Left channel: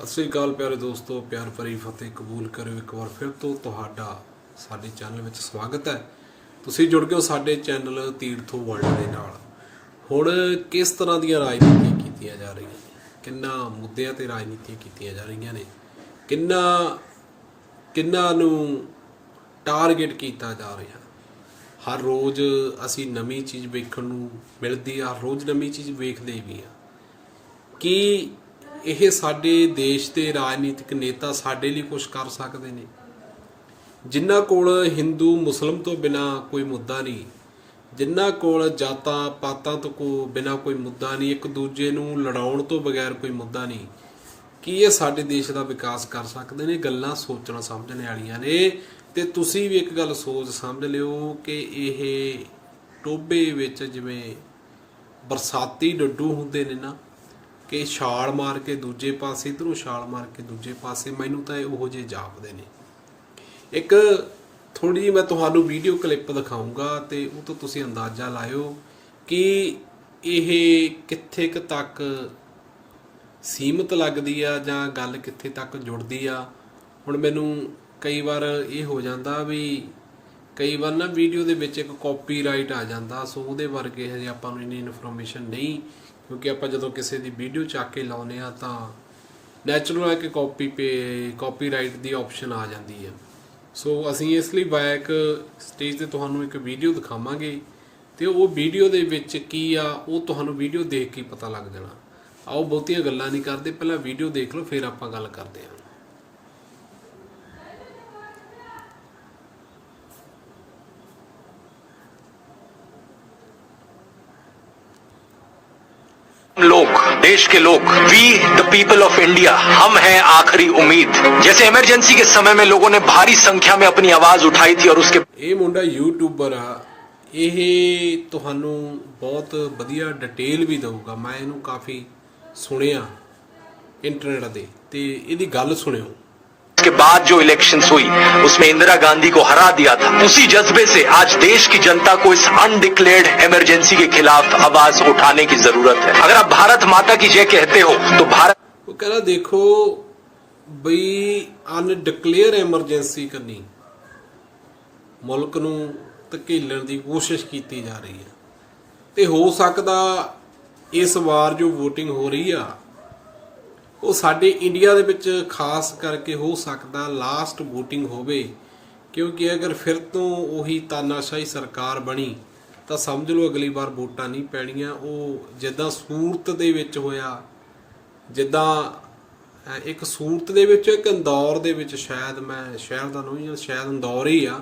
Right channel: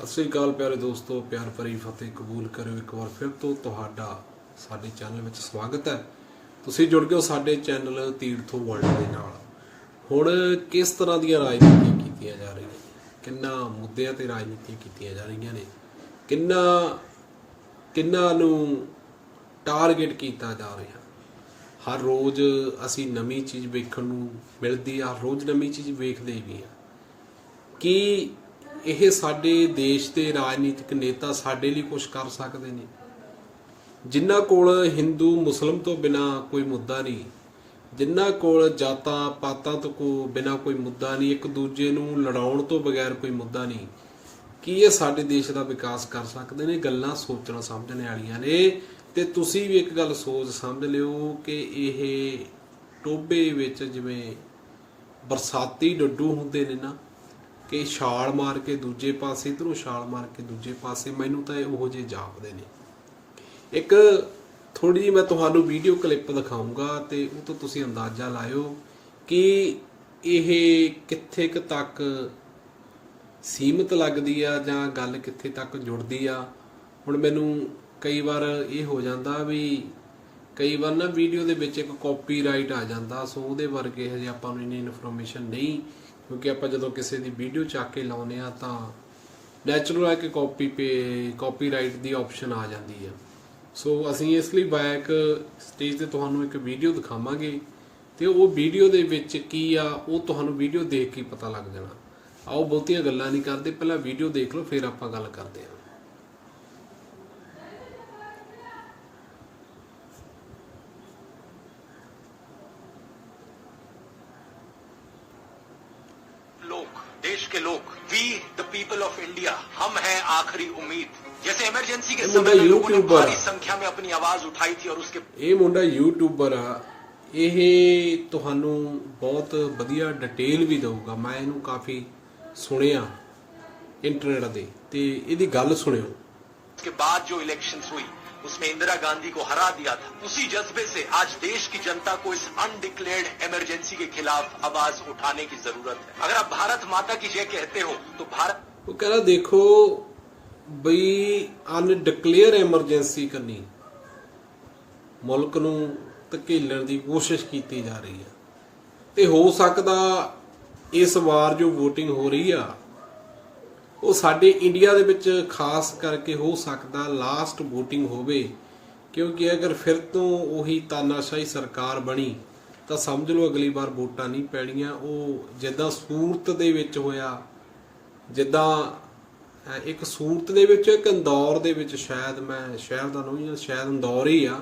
ਸਤਿ ਸ੍ਰੀ ਅਕਾਲ ਪਿਆਰੇ ਦੋਸਤੋ, ਪਿਆਰ ਭਰੀ ਫਤਿਹ ਕਬੂਲ ਕਰਿਓ ਇੱਕ ਵਾਰ ਫਿਰ ਤੋਂ। ਤੁਹਾਡਾ, ਸਾਡੇ ਚੈਨਲ ਵਿੱਚ ਸਵਾਗਤ ਹੈ। ਤੁਸੀਂ ਜੁੜ ਗਏ ਹੋ ਸਾਡੇ ਚੈਨਲ ਤੀਰਥੋ ਵਰਲਡ ਦੇ ਨਾਲ। ਹੁਣ ਕਿਸ ਤਰ੍ਹਾਂ ਦੀਆਂ ਰਾਜਨੀਤੀਆਂ ਕੀਤੀਆਂ ਜਾ ਰਹੀਆਂ ਨੇ? ਕਿੰਨਾ ਮੁੱਦਿਆਂ ਤੇ ਰਾਜਨੀਤੀਆਂ ਕੀਤੀਆਂ ਜਾ ਰਹੀਆਂ ਨੇ? ਕਿੰਨਾ ਕਿੰਨਾ ਨੂੰ ਟਾਰਗੇਟ ਕੀਤਾ ਜਾ ਰਿਹਾ? ਹਰ ਰੋਜ਼ ਅਸੀਂ ਨਵੀਂ ਚੀਜ਼ ਵੇਖਣ ਨੂੰ ਮਿਲਦੀ ਆ, ਹਰ ਰੋਜ਼ ਨਵੀਂ ਚੀਜ਼ ਵੇਖਦੇ ਵੀ ਆ। ਕਿ ਇਹ ਸਾਡੇ ਦੇਸ਼ ਦੇ ਰਾਜਨੀਤਿਕ ਨੇਤਾ ਸਾਡੇ ਲਈ ਕੁਝ ਕਰ ਸਕਦੇ ਨੇ। ਜਿਨ੍ਹਾਂ ਕੋਲ ਹਿੰਦੂ, ਮੁਸਲਮ ਤੋਂ ਬਿਨਾ ਕੋਈ ਮੁੱਦਾ ਨਹੀਂ। ਜਿਨ੍ਹਾਂ ਕੋਲ ਜਾਤਾਂ, ਪਾਤਾਂ ਤੋਂ ਕੋ ਬਿਨਾ ਕੋਈ ਮੁੱਦਾ ਨਹੀਂ। ਇੱਕ ਦੂਜੇ ਨੂੰ ਲੜਾਉਣ ਤੋਂ ਬਗੈਰ ਕੋਈ ਮੁੱਦਾ ਨਹੀਂ। ਕੀ ਇਹ ਸਾਡੇ ਦੇਸ਼ ਦਾ ਵਿਕਾਸ ਕਰ ਸਕਦੇ ਨੇ? ਗੱਲਾਂ ਸੋਚਣਾ ਸਮਝਣ ਵਾਲੀਆਂ ਨੇ। ਤੇ ਤੁਸੀਂ ਵੀ ਇੱਕ ਗੱਲ ਸੋਚ ਸਮਝ ਲਿਓ ਕਿ ਇਹ ਟੋਬੇ ਵਿੱਚ ਜਿਵੇਂ ਬਰਸਾਤੀ ਡੱਡੂ ਹੁੰਦੇ ਨੇ ਨਾ ਕਿ ਛਾਲ ਮਾਰ ਕੇ ਦੂਜੇ ਪਾਸੇ, ਇਧਰੋਂ ਛਾਲ ਮਾਰ ਕੇ ਦੂਜੇ ਪਾਸੇ, ਮੈਨੂੰ ਤਾਂ ਇਹ ਉਹੋ ਜਿਹੇ ਜਾਪਦੇ ਨੇ। ਇੱਕ ਥੋੜੀ ਜਿਹੀ ਮੈਂ ਤੁਹਾਨੂੰ ਵੀਡੀਓ ਕਲਿੱਪ ਦਿਖਾਉਂਗਾ ਤੇ ਉਹ ਤੋਂ ਤੁਸੀਂ ਅੰਦਾਜ਼ਾ ਲਾਇਓ ਕਿ ਇਹ ਕਿੱਥੇ ਕੁ ਤੱਕ ਸੀਮਤ ਲੱਗਦੀ ਆ ਜਾਂ ਗੱਲ ਕਿੱਥੇ ਤੱਕ ਜੁੜਦੀ ਆ। ਹੁਣ ਮੈਨੂੰ ਕਈ ਵਾਰ ਇਹ ਹੋ ਜਾਂਦਾ ਵੀ ਕਈ ਵਾਰ ਨਾ ਵੀਡੀਓ ਦੇ ਵਿੱਚ ਇੱਕ ਕਾਪੀਰਾਈਟ ਆ ਜਾਂਦਾ, ਸੋ ਉਹਦੇ ਵਰਗੇ ਹਜੇ ਆਪਾਂ ਨੂੰ ਇੰਨੀ ਇਨਫੋਰਮੇਸ਼ਨ ਨਹੀਂ। ਕਿਉਂਕਿ ਆਪਾਂ ਜਦੋਂ ਕਿਸੇ ਦੀ ਵੀਡੀਓ ਚੱਕ ਕੇ ਲਾਉਨੇ ਆ ਤਾਂ ਨੈਚੁਰਲ ਹੈ ਕਿ ਕਾਪੀ ਪੇ ਕਾਪੀਰਾਈਟ ਦੀ ਆਪਸ਼ਨ ਆ ਜਾਂਦੀ ਆ। ਸੋ ਅਸੀਂ ਇਸ ਲਈ ਬੈਕ ਸਟੇਜ ਤੇ ਤੁਹਾਨੂੰ ਇੱਕ ਵੀਡੀਓ ਦਿਖਾਵਾਂਗੇ ਤੇ ਉਹ ਵੀਡੀਓ ਦੇ ਵਿੱਚ ਕੀ ਆ, ਉਹ ਤੁਹਾਨੂੰ ਵੀਡੀਓ ਦੇਖ ਕੇ ਪਤਾ ਲੱਗ ਜਾਣਾ। ਆਓ ਬਹੁਤੀਆਂ ਗੱਲਾਂ ਨਹੀਂ ਕਰਦੇ, ਪਹਿਲਾਂ ਵੀਡੀਓ ਦੇਖ ਲਓ, ਫਿਰ ਆਪਾਂ ਗੱਲ ਕਰਦੇ ਹਾਂ। देश के लोग we the people of India हम हैं आखिरी उम्मीद जैसे इमरजेंसी के समय में लोगों ने भारी संख्या में अपनी आवाज उठाई थी और उसके ਇਹ ਮੁੰਡਾ ਯੂਟਿਊਬਰ ਆ ਇਹ ਤੁਹਾਨੂੰ ਬਹੁਤ ਵਧੀਆ ਡਿਟੇਲ ਵੀ ਦਊਗਾ ਮੈਂ ਇਹਨੂੰ ਕਾਫੀ ਸੁਣਿਆ ਇੰਟਰਨੈਟ ਤੇ ਤੇ ਇਹਦੀ ਗੱਲ ਸੁਣਿਓ के बाद जो इलेक्शंस हुई उसमें इंदिरा गांधी को हरा दिया था उसी जज्बे से आज देश की जनता को इस अनडिक्लेयर्ड इमरजेंसी के खिलाफ आवाज उठाने की जरूरत है अगर आप भारत माता की जय कहते हो तो भारत ਉਹ ਕਹਿੰਦਾ ਦੇਖੋ ਬਈ ਅਨਡਿਕਲੇਅਰ ਐਮਰਜੈਂਸੀ ਕਰਨੀ ਮੁਲਕ ਨੂੰ ਧਕੇਲਣ ਦੀ ਕੋਸ਼ਿਸ਼ ਕੀਤੀ ਜਾ ਰਹੀ ਹੈ ਤੇ ਹੋ ਸਕਦਾ ਇਸ ਵਾਰ ਜੋ VOTING ਹੋ ਰਹੀ ਆ ਉਹ ਸਾਡੇ ਇੰਡੀਆ ਦੇ ਵਿੱਚ ਖਾਸ ਕਰਕੇ ਹੋ ਸਕਦਾ ਲਾਸਟ VOTING ਹੋਵੇ, ਕਿਉਂਕਿ ਅਗਰ ਫਿਰ ਤੋਂ ਉਹੀ ਤਾਨਾਸ਼ਾਹੀ ਸਰਕਾਰ ਬਣੀ, ਤਾਂ ਸਮਝ ਲਓ ਅਗਲੀ ਵਾਰ ਵੋਟਾਂ ਨਹੀਂ ਪੈਣੀਆਂ। ਉਹ ਜਿੱਦਾਂ ਸੂਰਤ ਦੇ ਵਿੱਚ ਹੋਇਆ, ਜਿੱਦਾਂ ਇੱਕ ਸੂਰਤ ਦੇ ਵਿੱਚ, ਇੱਕ ਇੰਦੌਰ ਦੇ ਵਿੱਚ ਸ਼ਾਇਦ ਮੈਂ ਸ਼ਹਿਰ ਦਾ ਨਹੀਂ ਜਾਂ ਸ਼ਾਇਦ ਇੰਦੌਰ ਹੀ ਆ।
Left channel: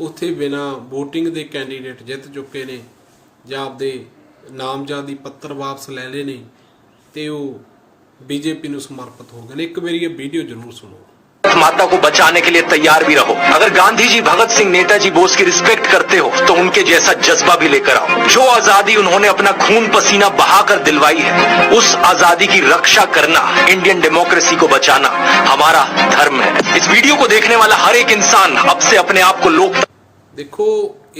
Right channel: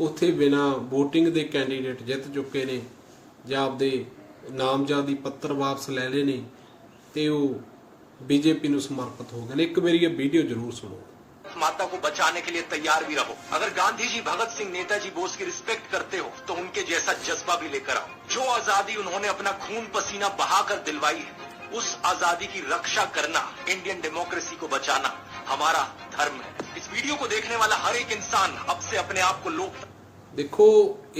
ਉੱਥੇ ਬਿਨਾ VOTING ਦੇ ਕੈਂਡੀਡੇਟ ਜਿੱਤ ਚੁੱਕੇ ਨੇ ਜਾਂ ਆਪਦੇ ਨਾਮਜ਼ਦਗੀ ਪੱਤਰ ਵਾਪਸ ਲੈ ਲਏ ਨੇ, ਤੇ ਉਹ ਬੀਜੇਪੀ ਨੂੰ ਸਮਰਪਿਤ ਹੋ ਗਏ ਨੇ ਇੱਕ ਵਾਰੀ ਇਹ ਵੀਡੀਓ ਜ਼ਰੂਰ ਸੁਣੋ माता को बचाने के लिए तैयार भी रहो अगर गांधी जी भगत सिंह नेताजी बोस की रिस्पेक्ट करते हो तो उनके जैसा जज्बा भी लेकर आओ जो आजादी उन्होंने अपना खून पसीना बहाकर दिलवाई है उस आजादी की रक्षा करना इंडियन डेमोक्रेसी को बचाना हमारा धर्म है इस वीडियो को देखने वाला हर एक इंसान अब से अपने आप को लोक ਦੇਖੋ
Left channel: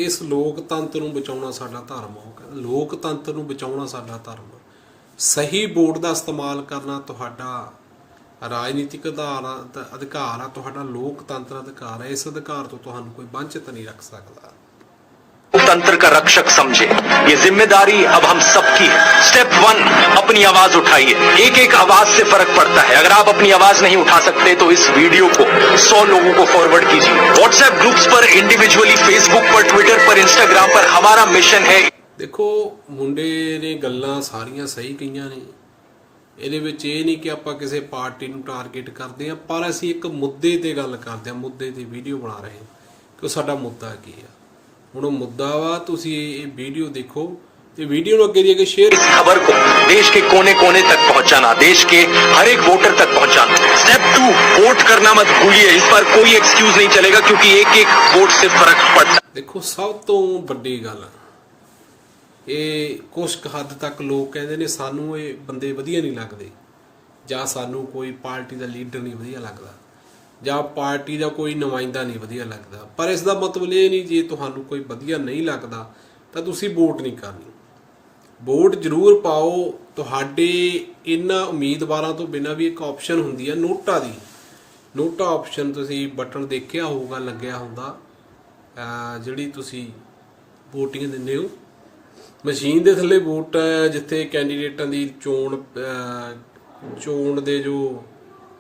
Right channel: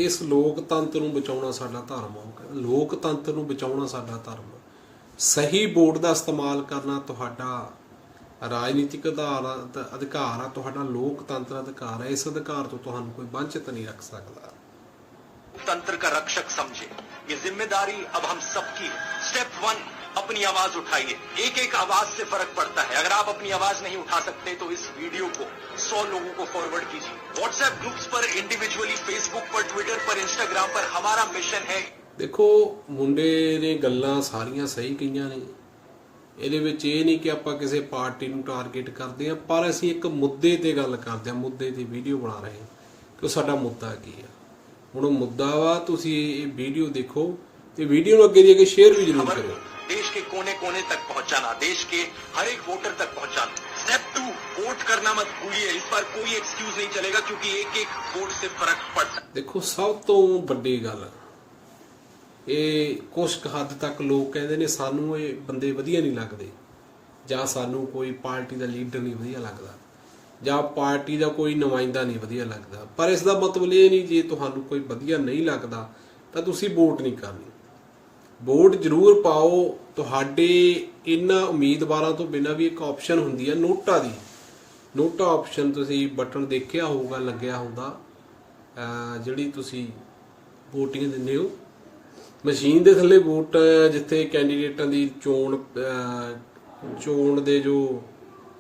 ਇਸ ਲੋਕਤੰਤਰ ਨੂੰ ਬਚਾਉਣਾ ਸਾਡਾ ਧਰਮ ਆ ਉਹ ਕਹਿੰਦਾ ਲੋਕਤੰਤਰ ਨੂੰ ਬਚਾਉਣਾ ਸਾਡਾ ਧਰਮ ਆ। ਸਹੀ ਵੋਟ ਦਾ ਇਸਤੇਮਾਲ ਕਰਨਾ ਤੁਹਾਡਾ ਰਾਜਨੀਤਿਕ ਆਧਾਰ ਅਧਿਕਾਰ ਆ ਤੁਹਾਡਾ ਲੋਕਤੰਤਰ ਅਧਿਕਾਰ ਹੈ ਇਸ ਅਧਿਕਾਰ ਤੋਂ ਤੁਹਾਨੂੰ ਕੋਈ ਵੰਚਿਤ ਨਹੀਂ ਰੱਖ ਸਕਦਾ लोकतंत्र का रक्षक समझे ये जिम्मेदारी अब हम सबकी है स्टेप वन अपनी आवाज उठाइए एक एक आवाज से फर्क पड़ता है अगर आप अपनी आवाज नहीं उठा सकते तो इस वीडियो को सौ लोगों को फॉरवर्ड कीजिए व्हाट्सएप ग्रुप्स पर इंडिविजुअली फेसबुक पर ट्विटर पर इंस्टाग्राम पर हमारा मिशन है ਦੇਖੋ ਮੁੰਡੇ ਨੇ ਗੱਲਾਂ ਸਾਰੀਆਂ ਸਹੀ ਕਹੀਆਂ ਨੇ ਇਹਦੇ ਵਿੱਚ ਇਹ ਨਹੀਂ ਕਿ ਆਪਾਂ ਕਿਸੇ ਪਾਰਟੀ ਨੂੰ ਟਾਰਗੇਟ ਕਰਦੇ ਆ ਪਰ ਅਸੀਂ ਇੱਕ ਮੁੱਦੇ ਤੇ ਗੱਲ ਕਰਦੇ ਆ ਮੁੱਦੇ ਤੇ ਵੀਡੀਓ ਬਣਾ ਰਹੇ ਹਾਂ ਕਿ ਉਹ ਸਾਡਾ ਮੁੱਦਾ ਕੀ ਆ ਹੁਣ ਉਹ ਮੁੱਦਾ ਵਾ ਤੁਸੀਂ ਇਹ ਵੀਡੀਓ ਦੇਖੋ ਤੇ ਵੀਡੀਓ ਨੂੰ ਅੱਗੇ ਦੀ ਅੱਗੇ ਸ਼ੇਅਰ इस खबर को देश के कोने कोने तक पहुंचाना देश के हर एक वोटर तक पहुंचाना स्टेप टू वोट करना मत भूलिए इस पर कोई एक्सक्यूज नहीं चलेगा क्योंकि एक एक वोट से फर्क पड़ता है ਦੇਖੋ ਸਭ ਤੋਂ ਵੱਡੀ ਗੱਲ ਇਹ ਕੁਝ ਕੁ ਹੱਦ ਤੱਕ ਲੋਕ ਕਹਿੰਦੇ ਨੇ ਸਾਨੂੰ ਇਹ ਬੰਦੇ ਵਧੀਆ ਨਹੀਂ ਲੱਗਦੇ ਜਾਂ ਸਾਨੂੰ ਕੋਈ ਪਾਰਟੀ ਦਾ ਲੀਡਰ ਨਹੀਂ ਵਧੀਆ ਲੱਗਦਾ ਜਾਂ ਪਾਰਟੀ ਦਾ ਕੋਈ ਨੁਮਾਇੰਦਾ ਨਹੀਂ ਵਧੀਆ ਲੱਗਦਾ। ਪਰ ਇਸ ਦਾ ਮਤਲਬ ਇਹ ਨਹੀਂ ਜੇ ਤੁਹਾਨੂੰ ਕੋਈ ਵਧੀਆ ਨਹੀਂ ਲੱਗਦਾ ਤਾਂ ਤੁਸੀਂ ਵੋਟ ਨਹੀਂ ਕਰਨੀ। ਵੋਟ ਜ਼ਰੂਰ ਪਾਓ। ਤੁਹਾਡੇ ਇਹਨਾਂ ਉਮੀਦਵਾਰਾਂ ਤੋਂ ਬਿਨਾਂ ਵੀ ਇੱਕ ਆਪਸ਼ਨ ਹੁੰਦੀ ਹੈ ਨੋਟਾ ਦੀ। ਨੋਟਾ ਆਪਸ਼ਨ ਤੁਸੀਂ ਬਟਨ ਦੇਖਿਆ ਹੋਊਗਾ, ਲੱਗਿਆ ਹੁੰਦਾ ਜਿਹੜੀ ਤੁਸੀਂ VOTING ਦਿੰਦੇ ਹੋ। ਮਸ਼ੀਨ ਦੇ ਥੱਲੇ ਵੋਟ ਜਿੱਥੇ ਕੈਂਡੀਡੇਟਾਂ ਦੀ ਚੋਣ ਚੋਣ ਦੇ ਜੋ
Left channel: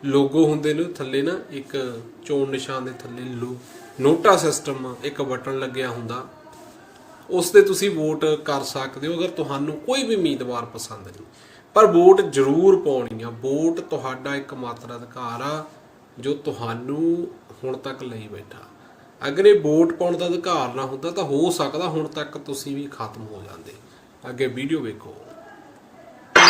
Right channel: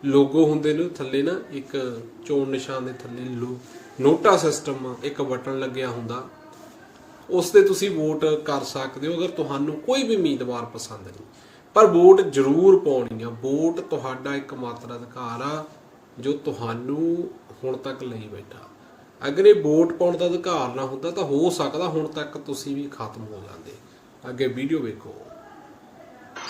ਲੋਗੋ ਹੁੰਦੇ ਨੇ ਥੱਲੇ ਨਾ, ਇੱਕ ਚੋਣ ਨਿਸ਼ਾਨ ਦੇ ਥੱਲੇ ਲੋ, ਨੋਟਾ ਸਿਸਟਮ ਇੱਕ ਬਟਨ ਲੱਗਿਆ ਹੁੰਦਾ। ਉਸ ਤੇ ਤੁਸੀਂ ਵੋਟ ਕਰ ਸਕਦੇ ਹੋ, ਅਗਰ ਤੁਹਾਨੂੰ ਕੋਈ ਵੀ ਉਮੀਦਵਾਰ ਪਸੰਦ ਨਹੀਂ। ਪਰ ਵੋਟ ਜ਼ਰੂਰ ਪਾਉਣੀ ਆ। ਵੋਟ ਤੁਹਾਡਾ ਇੱਕ ਮਾਤਰ ਅਧਿਕਾਰ ਆ, ਜੋ ਤੁਹਾਨੂੰ ਹੁਣ ਤੱਕ ਲਈ ਬੈਠਾ। ਅਗਰ ਇਹ ਵੋਟ ਪਾਉਣ ਦਾ ਅਧਿਕਾਰ ਨਾ ਹੁੰਦਾ ਤਾਂ ਹੋ ਸਕਦਾ ਹੁਣ ਤੱਕ ਤੁਸੀਂ ਵੀ ਖਤਮ ਹੋ ਜਾਂਦੇ ਅੱਗੇ ਵੀਡੀਓ ਵੇਖੋ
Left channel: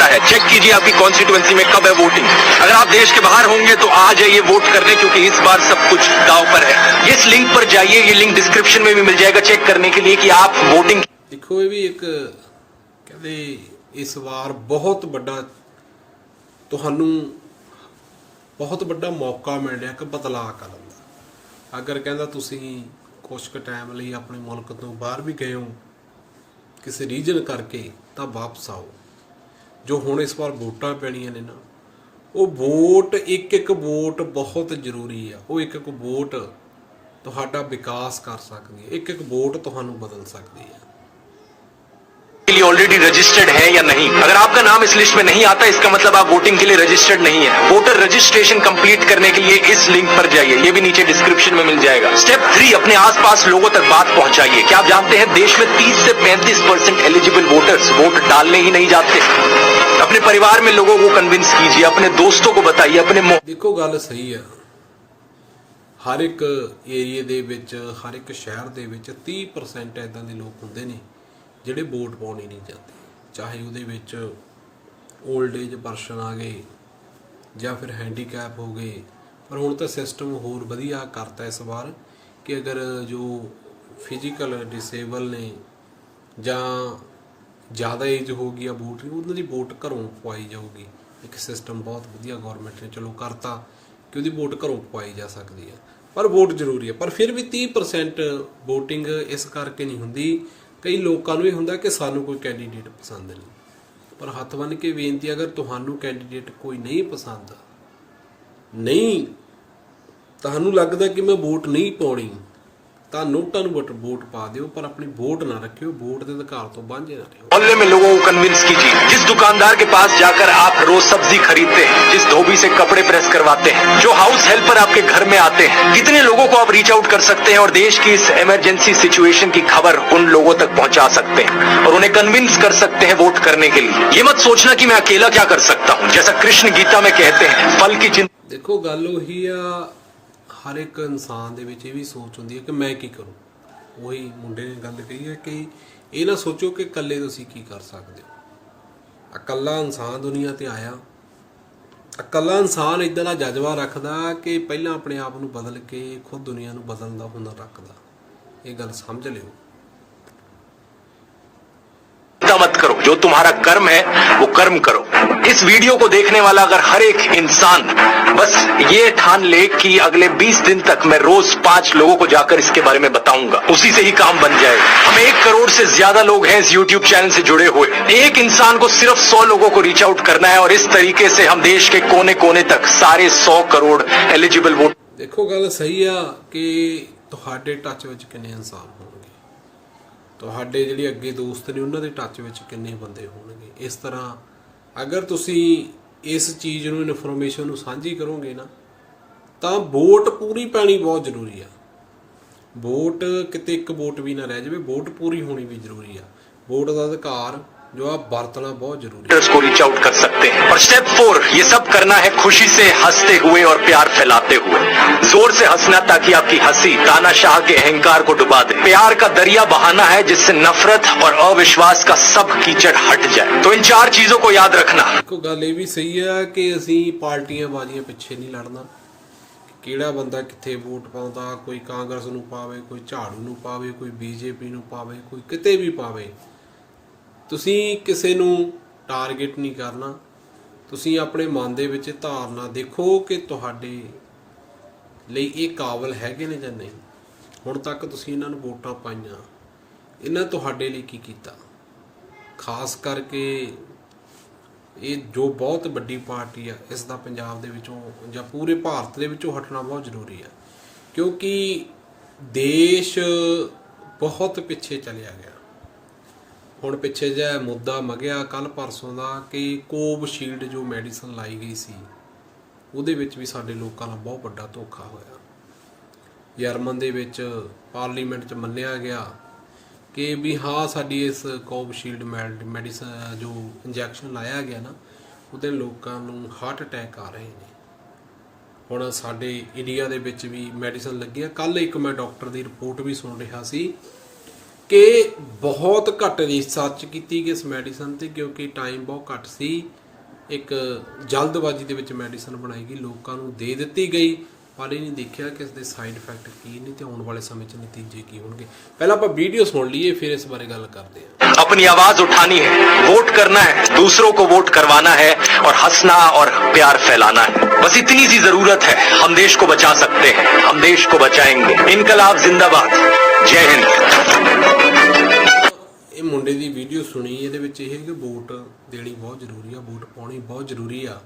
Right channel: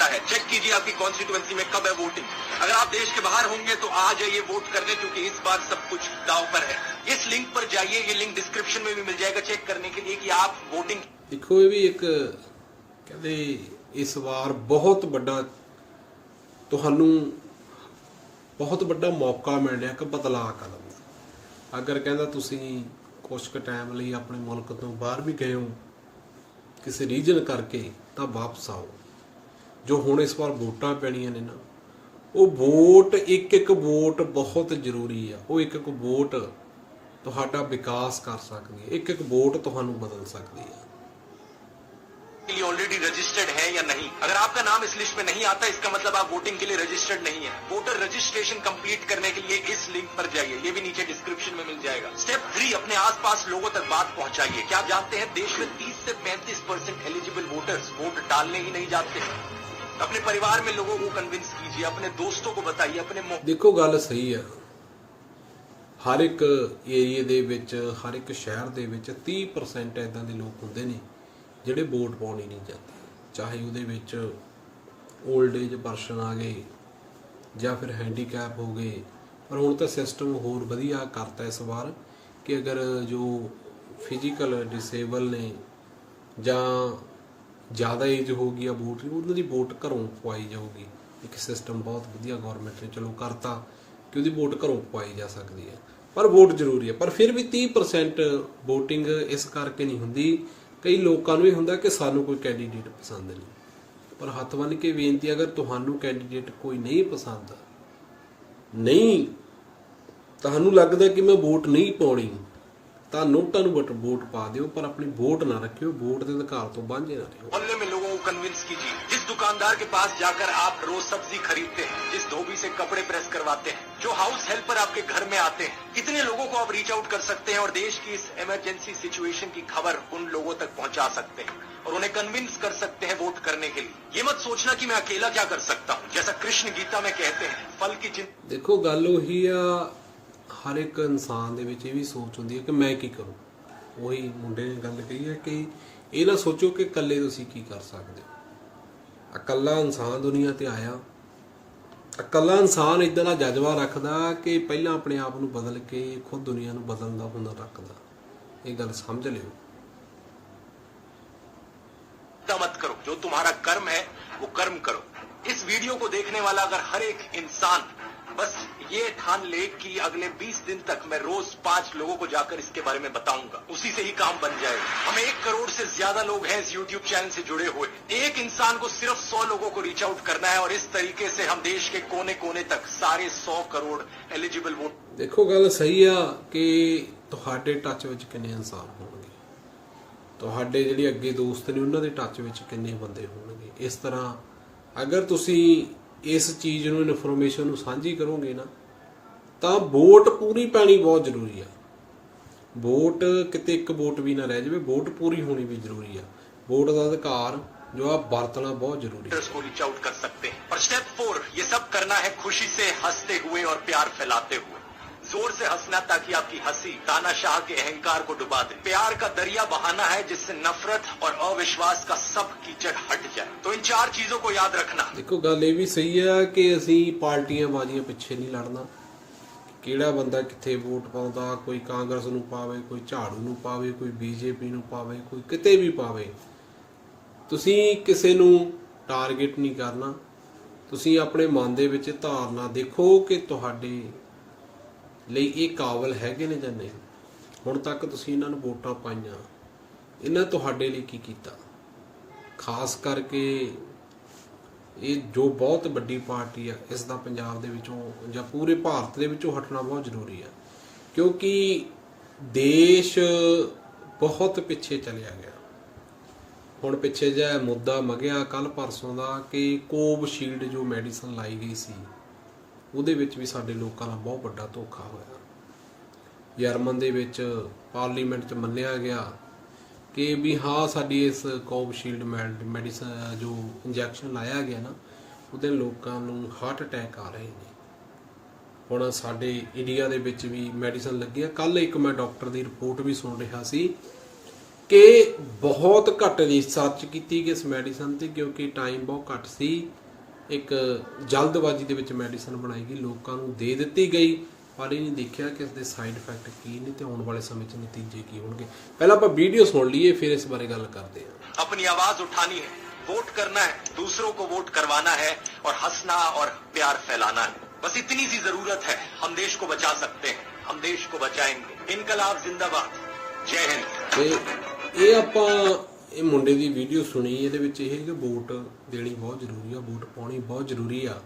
लगता है चेक कीजिए आपकी कॉन्स्टिट्यूएंसी में कब है वोटिंग अगर आप देश के बाहर होंगे तो आ जाइए वोट करने क्योंकि इस बार सब कुछ दाव पर है इस लिंक पर जाइए ये लिंक डिस्क्रिप्शन में भी मिल जाएगा चेक करने के लिए कि आप वोटिंग ਦੇਖੋ ਇਹ ਵੀ ਇੱਕ ਕਹਿੰਦੇ ਇਸ ਵਾਰ ਬਹੁਤ ਵੱਡਾ ਤੁਹਾਨੂੰ ਬਹੁਤ ਵੱਡਾ ਮੌਕਾ ਮਿਲ ਰਿਹਾ ਕਿ ਬਦਲਾਅ ਕਰਨ ਦਾ ਅਗਰ ਕਹਿੰਦਾ ਤੁਸੀਂ ਕੁਝ ਕੁ ਟਾਈਮ ਲਈ ਆਪਣੇ ਮੁਲਕ ਤੋਂ ਬਾਹਰ ਵੀ ਗਏ ਹੋ, ਕਿਸੇ ਰੀਜਨ ਕਰਕੇ, ਤਾਂ ਵਾਪਸ ਆਓ। ਜੋ ਹੁਣ ਇਸ ਵਾਰ ਵੋਟਾਂ ਪੈਣੀਆਂ ਨੇ ਨਾ, ਉਹ ਵੋਟ, ਇੱਕ ਇੱਕ ਵੋਟ ਬਹੁਤ ਜ਼ਰੂਰੀ ਆ। ਉਹ ਇੱਕ ਇੱਕ ਵੋਟ ਤੁਹਾਡਾ ਵਿਕਾਸ ਕਰ ਸਕਦੀ ਹੈ। ਇੱਕ ਇੱਕ ਵੋਟ ਤੁਹਾਨੂੰ ਬਦਲ ਸਕਦੀ ਹੈ। के लिए ऑलरेडी रजिस्टर्ड है या नहीं अगर आपका नाम इस लिस्ट में नहीं आता इसका मतलब आप वोटिंग के लिए रजिस्टर्ड नहीं है वोटर रजिस्ट्रेशन कंप्लीट करने के लिए इस लिंक पर जाइए ये भी नीचे डिस्क्रिप्शन में मिल जाएगा स्टेप थ्री अपने आसपास लोगों तक बात पहुंचाइए क्या आप जानते हैं देश में 30 से 35 परसेंट एलिजिबल वोटर्स वोट डालने ही नहीं जाते अपने परिवार में लोगों को कन्विंस कीजिए अपने दोस्तों को बताइए अपने मोह- ਦੇਖੋ ਗੱਲ ਸਹੀ ਆ ਹਰ ਇੱਕ ਏਰੀਏ ਦੇ ਵਿੱਚ ਹਰ ਇੱਕ ਸ਼ਹਿਰ ਦੇ ਵਿੱਚ 30% ਐਦਾਂ ਦੇ ਲੋਕ ਹੁੰਦੇ ਨੇ ਜਿਹੜੇ ਵੋਟ ਪਾਉਣੀ ਨਹੀਂ ਜਾਂਦੇ ਚਾਹੇ ਉਹਦੇ ਵਿੱਚ 올ਡ ਏਜ ਪਰਸਨ ਆ ਗਏ ਜਾਂ ਫਿਰ ਹੈਂਡੀਕੈਪ ਹੋ ਗਏ, ਪਰ ਹੁਣ ਤਾਂ ਸਿਸਟਮ ਹੋਰ ਵਧੀਆ ਕਰਤਾ ਇਸ ਵਾਰ ਕਿ ਅਗਰ ਜੋ ਫਿਜ਼ੀਕਲ ਡਿਸੇਬਲ ਨੇ ਜਾਂ ਜ਼ਿਆਦਾ ਏਜ ਹੋ ਗਈ ਆ ਵੋਟ ਉਹਨਾਂ ਦੀ ਵੋਟ ਘਰੋਂ ਪਵਾਈ ਜਾਊਗੀ। ਇੱਕ ਸਿਸਟਮ ਬਹੁਤ ਵਧੀਆ ਗਵਰਨਮੈਂਟ ਨੇ ਚਲੋ ਕਰਤਾ ਕਿ ਉਹਦੀ ਵੋਟ ਘਰੋਂ ਪਵਾਈ ਜਾ ਸਕਦੀ ਹੈ ਪਰ ਵੋਟ ਜ਼ਰੂਰੀ ਹੈ ਪਰ ਫਿਰ ਵੀ 30% VOTING ਇਸ ਕਰਕੇ ਨਹੀਂ ਹੁੰਦੀ ਕਈ ਲੋਕਾਂ ਨੂੰ ਇਹ ਹੁੰਦਾ ਕਿ ਸਾਨੂੰ ਕੋਈ ਕੈਂਡੀਡੇਟ ਪਸੰਦ ਨਹੀਂ। ਪਰ ਹੱਥ ਬੰਨ੍ਹ ਕੇ ਬੇਨਤੀ ਅਗਰ ਤੁਹਾਨੂੰ ਕੈਂਡੀਡੇਟ ਕੋਈ ਨਹੀਂ ਪਸੰਦ, ਨਹੀਂ, ਤੁਹਾਨੂੰ ਲੱਗਦਾ ਕਿ ਮੈਂ ਵੋਟ ਨਹੀਂ ਪਾਉਣੀ ਤਾਂ ਨੋਟਾਂ ਨੂੰ ਵੋਟ ਵੋਟ ਪਾ ਦਿਓ ਪਰ ਆਪਣੀ ਵੋਟ ਨਾ ਰੱਖਿਓ ਵੋਟ ਦੇ ਅਧਿਕਾਰ ਤੋਂ ਵਾਂਝੇ ਨਾ ਰਹੋ मोहल्ले में लोगों को कन्विंस कीजिए जिस दुकानदार के पास जाकर आप रोज सब्जी खरीदते हैं जिस धोबी से कपड़े प्रेस करवाते हैं जो हाउस हेल्पर आपके घर में आते हैं कितने लोगों को आप रीच आउट कर सकते हैं और देश की इस इमरजेंसी सिचुएशन की खबर उन लोगों तक पहुंचा सकते हैं और उन्हें कन्विंस कर सकते हैं वोट करने के लिए ये मत सोचना कि मैं अकेला क्या कर सकता हूँ जैसा कृष्ण गीता में कहते हैं फल की चिंता ਦੇਖੋ ਗੱਲ ਉਹੀ ਆ ਹਰ ਇੱਕ ਇਨਸਾਨ ਦੇ ਵਿੱਚ ਇਹ ਵੀ ਸੋਚ ਹੁੰਦੀ ਹੈ ਕਿ ਮੈਂ ਕੀ ਕਰੂੰ ਉਹੀ ਮੁੰਡੇ ਨੇ ਗੱਲ ਕਹੀ ਹੈ ਕਿ ਇਹ ਨਾ ਸੋਚੋ ਕਿ ਇਕੱਲੇ ਤੁਸੀਂ ਕੀ ਕਰ ਸਕਦੇ ਹੋ ਇਕੱਲਾ ਇਨਸਾਨ ਦੁਨੀਆ ਤੇ ਆਇਆ ਇਕੱਲਾ ਇਨਸਾਨ ਇਦਾਂ ਦਾ ਜਜ਼ਬਾ ਰੱਖਦਾ ਕਿ ਪਹਿਲਾਂ ਆਪਣੇ ਆਪ ਨੂੰ ਬਦਲ ਕੇ ਖੁਦ ਦੁਨੀਆ ਨੂੰ ਬਦਲਣ ਦਾ ਹੁਨਰ ਰੱਖਦਾ ਇਹ ਗੱਲ ਸਮਝ ਲਿਓ मत करो जो तुम्हारा कर्म है वो कर्म करो इस वीडियो को देखने वाला अगर हर एक इंसान बस ये ठान ले कि अगले 20 दिन तक मैं रोज पांच लोगों को जाकर इसके बारे में बताऊंगा उसी से ही काम बन जाएगा हम एक करोड़ से ज्यादा लोग हैं इस यूट्यूब चैनल से जुड़े हुए एक इंसान को सिर्फ सौ लोगों को रीच आउट करना है और इस तरीके से हम देश के कोने कोने तक सारे सौ करोड़ एलिजिबल वोट ਦੇਖੋ ਗੱਲ ਸਹੀ ਆ ਕਿ ਤੁਹਾਡੇ ਟੱਚ ਵਿੱਚ ਕਿੰਨੇ ਇਨਸਾਨ ਹੋਣਗੇ ਤੁਹਾਡੇ ਜਿਹੜੇ ਅੱਗੇ ਦੋਸਤ ਨੇ ਉਹਨਾਂ ਦੇ ਟੱਚ ਵਿੱਚ ਕਿੰਨੇ ਬੰਦੇ ਹੋਣਗੇ ਇਸ ਤਰ੍ਹਾਂ ਅਗਰ ਤੁਸੀਂ ਇਸ ਚੀਜ਼ ਨੂੰ ਇਨਫੋਰਮੇਸ਼ਨ ਨੂੰ ਸਾਂਝੀ ਕਰੋਗੇ ਨਾ, ਤਾਂ ਵੋਟ ਪੂਰੀ ਪੈਣੀ ਬਹੁਤ ਜ਼ਰੂਰੀ ਆ। ਵੋਟ, ਕਿਤੇ ਇੱਕ ਵੋਟ ਵੀ ਨਾ ਰਹਿ ਜਾਵੇ, ਵੋਟ ਪੂਰੀ ਹੋਣੀ ਵੀ ਜ਼ਰੂਰੀ ਆ। ਵੋਟ ਦਾ ਅਧਿਕਾਰ ਜੋ ਆ ਵਰਤਣਾ ਬਹੁਤ ਜ਼ਰੂਰੀ ਹੈ वोटर्स को रीच आउट कर सकते हैं और स्टेप फोर ये सब करना है खुशी से हंसते हुए और प्यार फैलाते हुए जोर से हंसना ताकि आपकी हंसी तानाशाह के अहंकार को डुबा दे प्यार का दरिया बहाना है जिससे नफरत और अविश्वास का सब कीचड़ हट जाए तो इन चार चीजों को याद रखना ਇੱਕੋ ਗੱਲ ਇਹ ਵੀ ਸਹੀ ਆ ਕਿ ਅਸੀਂ ਪਾਰਟੀਆਂ ਬਾਜ਼ੀਆਂ ਪਿੱਛੇ ਨਹੀਂ ਲੜਨਾ ਕਿ ਕਿਹੜਾ ਬੰਦਾ ਕਿੱਥੇ ਵੋਟ ਪਾਉਂਦਾ ਕੋਈ ਕਾਂਗਰਸ ਨੂੰ ਪਾਵੇ ਕੋਈ ਝਾੜੂ ਨੂੰ ਪਾਵੇ ਕੋਈ ਬੀਜੇਪੀ ਨੂੰ ਪਾਵੇ ਕੋਈ ਕਿਤੇ ਵੀ ਪਾਵੇ ਤੁਸੀਂ ਕਿਸੇ ਨੂੰ ਟਾਰਗੇਟ ਨਹੀਂ ਕਰਨਾ। ਤੁਸੀਂ ਆਪਣੇ ਮਨ ਦੇ ਵਿੱਚ ਧਾਰਨਾ ਦੇਖੋ ਕਿ ਤੁਹਾਡੇ ਲਈ ਇਹ ਕਾਬਲ ਹੈਗੇ ਨੇ ਜਾਂ ਨਹੀਂ। ਹੁਣ ਤੱਕ ਤੁਸੀਂ ਇਹਨਾਂ ਨੂੰ ਵੋਟਾਂ ਪਾਈਆਂ। ਇਹਨਾਂ ਤੁਹਾਡੇ ਲਈ ਕੀ ਕੀਤਾ? ਖਾਸ ਕਰਕੇ ਇਹ ਜੋ ਬਹੁਤ ਵੱਡੀ ਪਾਰਟੀ ਆ, ਇਸ ਦਾ ਪੰਜਾਬ ਦੇ ਵਿੱਚੋਂ ਜਾਂ ਪੂਰੇ ਭਾਰਤ ਦੇ ਵਿੱਚੋਂ ਹਟਣਾ ਬਹੁਤ ਜ਼ਰੂਰੀ ਆ। ਕਿਉਂਕਿ ਦੇਸ਼ ਬਹੁਤ ਪਿੱਛੇ ਚਲਿਆ ਗਿਆ। ਹੁਣ ਪਿੱਛੇ ਜਿਹਾ ਮੁੱਦਾ ਮਗਿਆ ਕੱਲ ਪਰਸੋਂ ਦਾ ਕਿ ਕੋਵਿਸ਼ੀਲਡ ਜੋ ਮੈਡੀਸਨ ਲਾਈ ਗਈ ਸੀ, ਉਹਦੇ ਵਿੱਚ ਵੀ ਸਾਡੇ ਲੋਕਾਂ ਨਾਲ ਬਹੁਤ ਵੱਡਾ ਧੋਖਾ ਹੋਇਆ। ਜਰਮਨ ਦੇ ਵਿੱਚ ਪਾਰਲੀਮੈਂਟ 'ਚ ਮੰਨਿਆ ਗਿਆ ਕਿ ਵੀ ਹਾਂ, ਸਾਡੀ ਇਸ ਕੋਵਿਸ਼ੀਲਡ ਮੈਡੀਸਨ, ਜੋ ਇੰਜੈਕਸ਼ਨ ਲਾਇਆ ਗਿਆ ਨਾ, ਉਹਦੇ ਲੋਕਾਂ ਨੂੰ ਹਾਰਟ ਅਟੈਕ ਆ ਰਹੇ ਨੇ। ਹੁਣ ਸਾਡੇ ਇੰਡੀਆ ਦੇ ਵਿੱਚ ਵੀ ਮੈਡੀਸਨ ਲੱਗੀ ਆ ਕੱਲ ਇੱਕ ਮੈਂ ਡਾਕਟਰ ਦੀ ਰਿਪੋਰਟ ਵੀ ਸੁਣ ਰਿਹਾ ਸੀ ਕਿ ਬਹੁਤ ਘੱਟ ਰਿਸਰਚ ਕੀਤੀ ਗਈ ਇਸ ਮੈਡੀਸਨ ਤੇ ਕਿਉਂਕਿ ਟਾਈਮ ਬਹੁਤ ਘੱਟ ਸੀ ਇੱਕ ਜਲਦਬਾਜ਼ੀ ਦੇ ਵਿੱਚ ਮੈਡੀਸਨ ਬਣਾਈ ਗਈ ਲੋਕਾਂ ਨੂੰ ਦੇ ਦਿੱਤੀ ਗਈ ਪਰ ਇਹ ਨਹੀਂ ਦੇਖਿਆ ਕਿ ਇਸ ਦੇ ਸਾਈਡ ਇਫੈਕਟ ਕੀ ਨੇ ਤੇ ਆਉਣ ਵਾਲੇ ਸਮੇਂ 'ਚ ਨਤੀਜੇ ਕੀ ਹੋਣਗੇ ਪਹਿਲਾਂ ਆਪਾਂ ਵੀਡੀਓ ਸੁਣ ਲਈਏ ਫਿਰ ਇਸ ਬਾਰੇ ਗੱਲ ਕਰਦੇ ਹਾਂ अपनी आवाज उठानी है वोट करना है दूसरों को वोट करवाना है और हंसना और प्यार फैलाना है बस इतनी सी जरूरत है हम देश को बचा सकते हैं हम देश को बचाएंगे इनकलाब जिंदाबाद जय हिंद ਇਹ ਤਾਂ ਇਹ ਮੁੰਡੇ ਦੀ ਵੀਡੀਓ ਸੁਣੀ, ਇਹਦੇ ਵਿੱਚ ਇਹ ਹੈ ਕਿ ਵੋਟ ਦੇਣੀ ਬਹੁਤ ਜ਼ਰੂਰੀ ਆ, ਵੋਟ ਪਾਉਣੀ ਬਹੁਤ ਜ਼ਰੂਰੀ ਆ।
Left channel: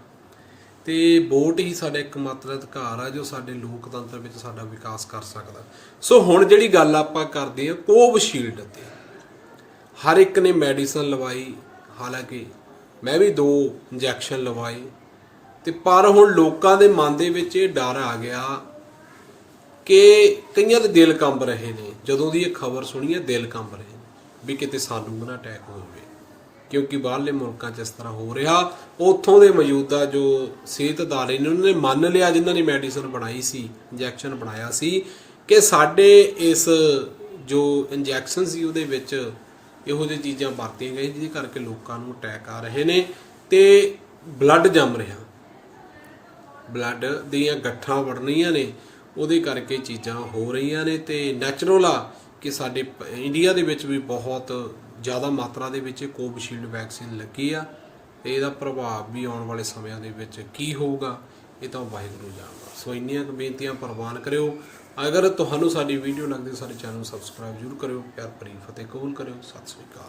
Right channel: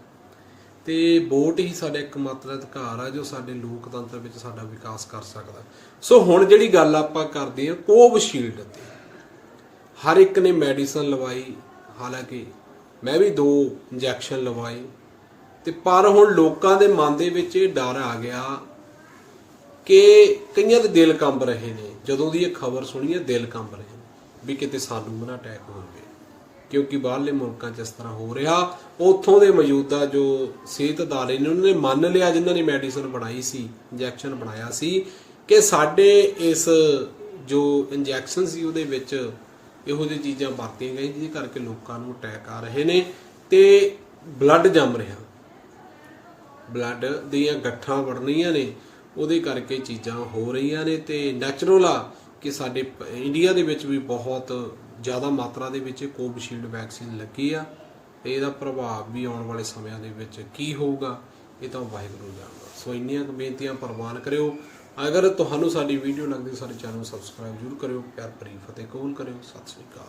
ਤੇ ਵੋਟ ਹੀ ਸਾਡਾ ਇੱਕਮਾਤਰ ਅਧਿਕਾਰ ਆ, ਜੋ ਸਾਡੇ ਲੋਕਤੰਤਰ ਵਿੱਚ ਸਾਡਾ ਵਿਕਾਸ ਕਰ ਸਕਦਾ। ਸੋ ਹੁਣ ਜਿਹੜੀ ਗੱਲ ਆਪਾਂ ਕਰਦੇ ਆ ਕੋਵਿਸ਼ੀਲਡ ਤੇ। ਹਰ ਇੱਕ ਨੇ ਮੈਡੀਸਨ ਲਵਾਈ, ਹਾਲਾਂਕਿ ਮੈਂ ਵੀ ਦੋ ਇੰਜੈਕਸ਼ਨ ਲਵਾਏ, ਤੇ ਪਰ ਹੁਣ ਲੋਕਾਂ ਦੇ ਮਨ ਦੇ ਵਿੱਚ ਇਹ ਡਰ ਆ ਗਿਆ ਕਿ ਕਈਆਂ ਦੇ ਦਿਲ ਕੰਬ ਰਹੇ ਨੇ। ਜਦੋਂ ਦੀ ਇਹ ਖਬਰ ਸੁਣੀ ਹੈ, ਦਿਲ ਕੰਬ ਰਹੇ ਨੇ। ਵੀ ਕਿਤੇ ਸਾਨੂੰ ਨਾ ਅਟੈਕ ਹੋ ਜਾਵੇ ਕਿਉਂਕਿ ਬਾਹਰਲੇ ਮੁਲਕਾਂ 'ਚ ਇਸ ਤਰ੍ਹਾਂ ਹੋ ਰਿਹਾ। ਉੱਥੋਂ ਦੇ ਮੌਜੂਦਾ ਜੋ ਸਿਹਤ ਅਦਾਰੇ ਨੇ, ਉਹਨਾਂ ਨੇ ਮੰਨ ਲਿਆ, ਜਿਨ੍ਹਾਂ ਨੇ ਮੈਡੀਸਨ ਬਣਾਈ ਸੀ ਇੰਜੈਕਸ਼ਨ ਬਣਾਇਆ ਸੀ, ਕਿ ਸਾਡੇ ਇਸ ਜੋ ਇੰਜੈਕਸ਼ਨ ਸੀ, ਉਹਦੇ ਵਿੱਚ ਇਹੋ ਜਿਹੀ ਚੀਜ਼ਾਂ ਵਰਤੀਆਂ ਗਈਆਂ, ਜਿਹਦੇ ਕਰਕੇ ਲੋਕਾਂ ਨੂੰ ਅਟੈਕ ਆ ਰਹੇ ਨੇ ਤੇ ਬਲੱਡ ਜੰਮ ਰਿਹਾ। ਬਲੱਡ ਦੀਆਂ ਗੱਠਾਂ ਵੜਨੀਆਂ ਨੇ, ਉਹਦੇ ਕਰਕੇ ਚੀਜ਼ਾਂ ਹੋ ਰਹੀਆਂ ਨੇ ਤੇ ਨੈਚੁਰਲ ਆ। ਕਿ ਸਾਡੇ ਪ- ਇੰਡੀਆ ਦੇ ਵਿੱਚ ਵੀ ਬਹੁਤ ਜ਼ਿਆਦਾ ਮਾਤਰਾ ਦੇ ਵਿੱਚ ਕੋਵਿਸ਼ੀਲਡ ਵੈਕਸੀਨ ਲੱਗੀ ਆ, ਤੇ ਇਹਦਾ ਪ੍ਰਭਾਵ ਵੀ ਆਉਣ ਵਾਲੇ ਸਮਿਆਂ ਦੇ ਵਿੱਚ ਕੀ ਹੋਊਗਾ, ਇਹ ਤਾਂ ਵਾਹਿਗੁਰੂ ਜਾਣਦਾ। ਸੋ ਇੰਨੀਆਂ ਬੇਨਤੀਆਂ ਪ੍ਰਵਾਨ ਕਰਿਓ। ਅਗਰ ਤੁਹਾਨੂੰ ਸਾਡੀ ਵੀਡੀਓ ਲੱਗਦੀ, ਸਾਡੇ ਚੈਨਲ ਨੂੰ ਸਬਸਕ੍ਰਾਈਬ ਜ਼ਰੂਰ ਕਰਿਓ। ਪਿਆਰ ਭਰੀ ਫਤਿਹ ਕਬੂਲ ਕਰਿਓ। ਸਤਿ ਸ੍ਰੀ ਅਕਾਲ।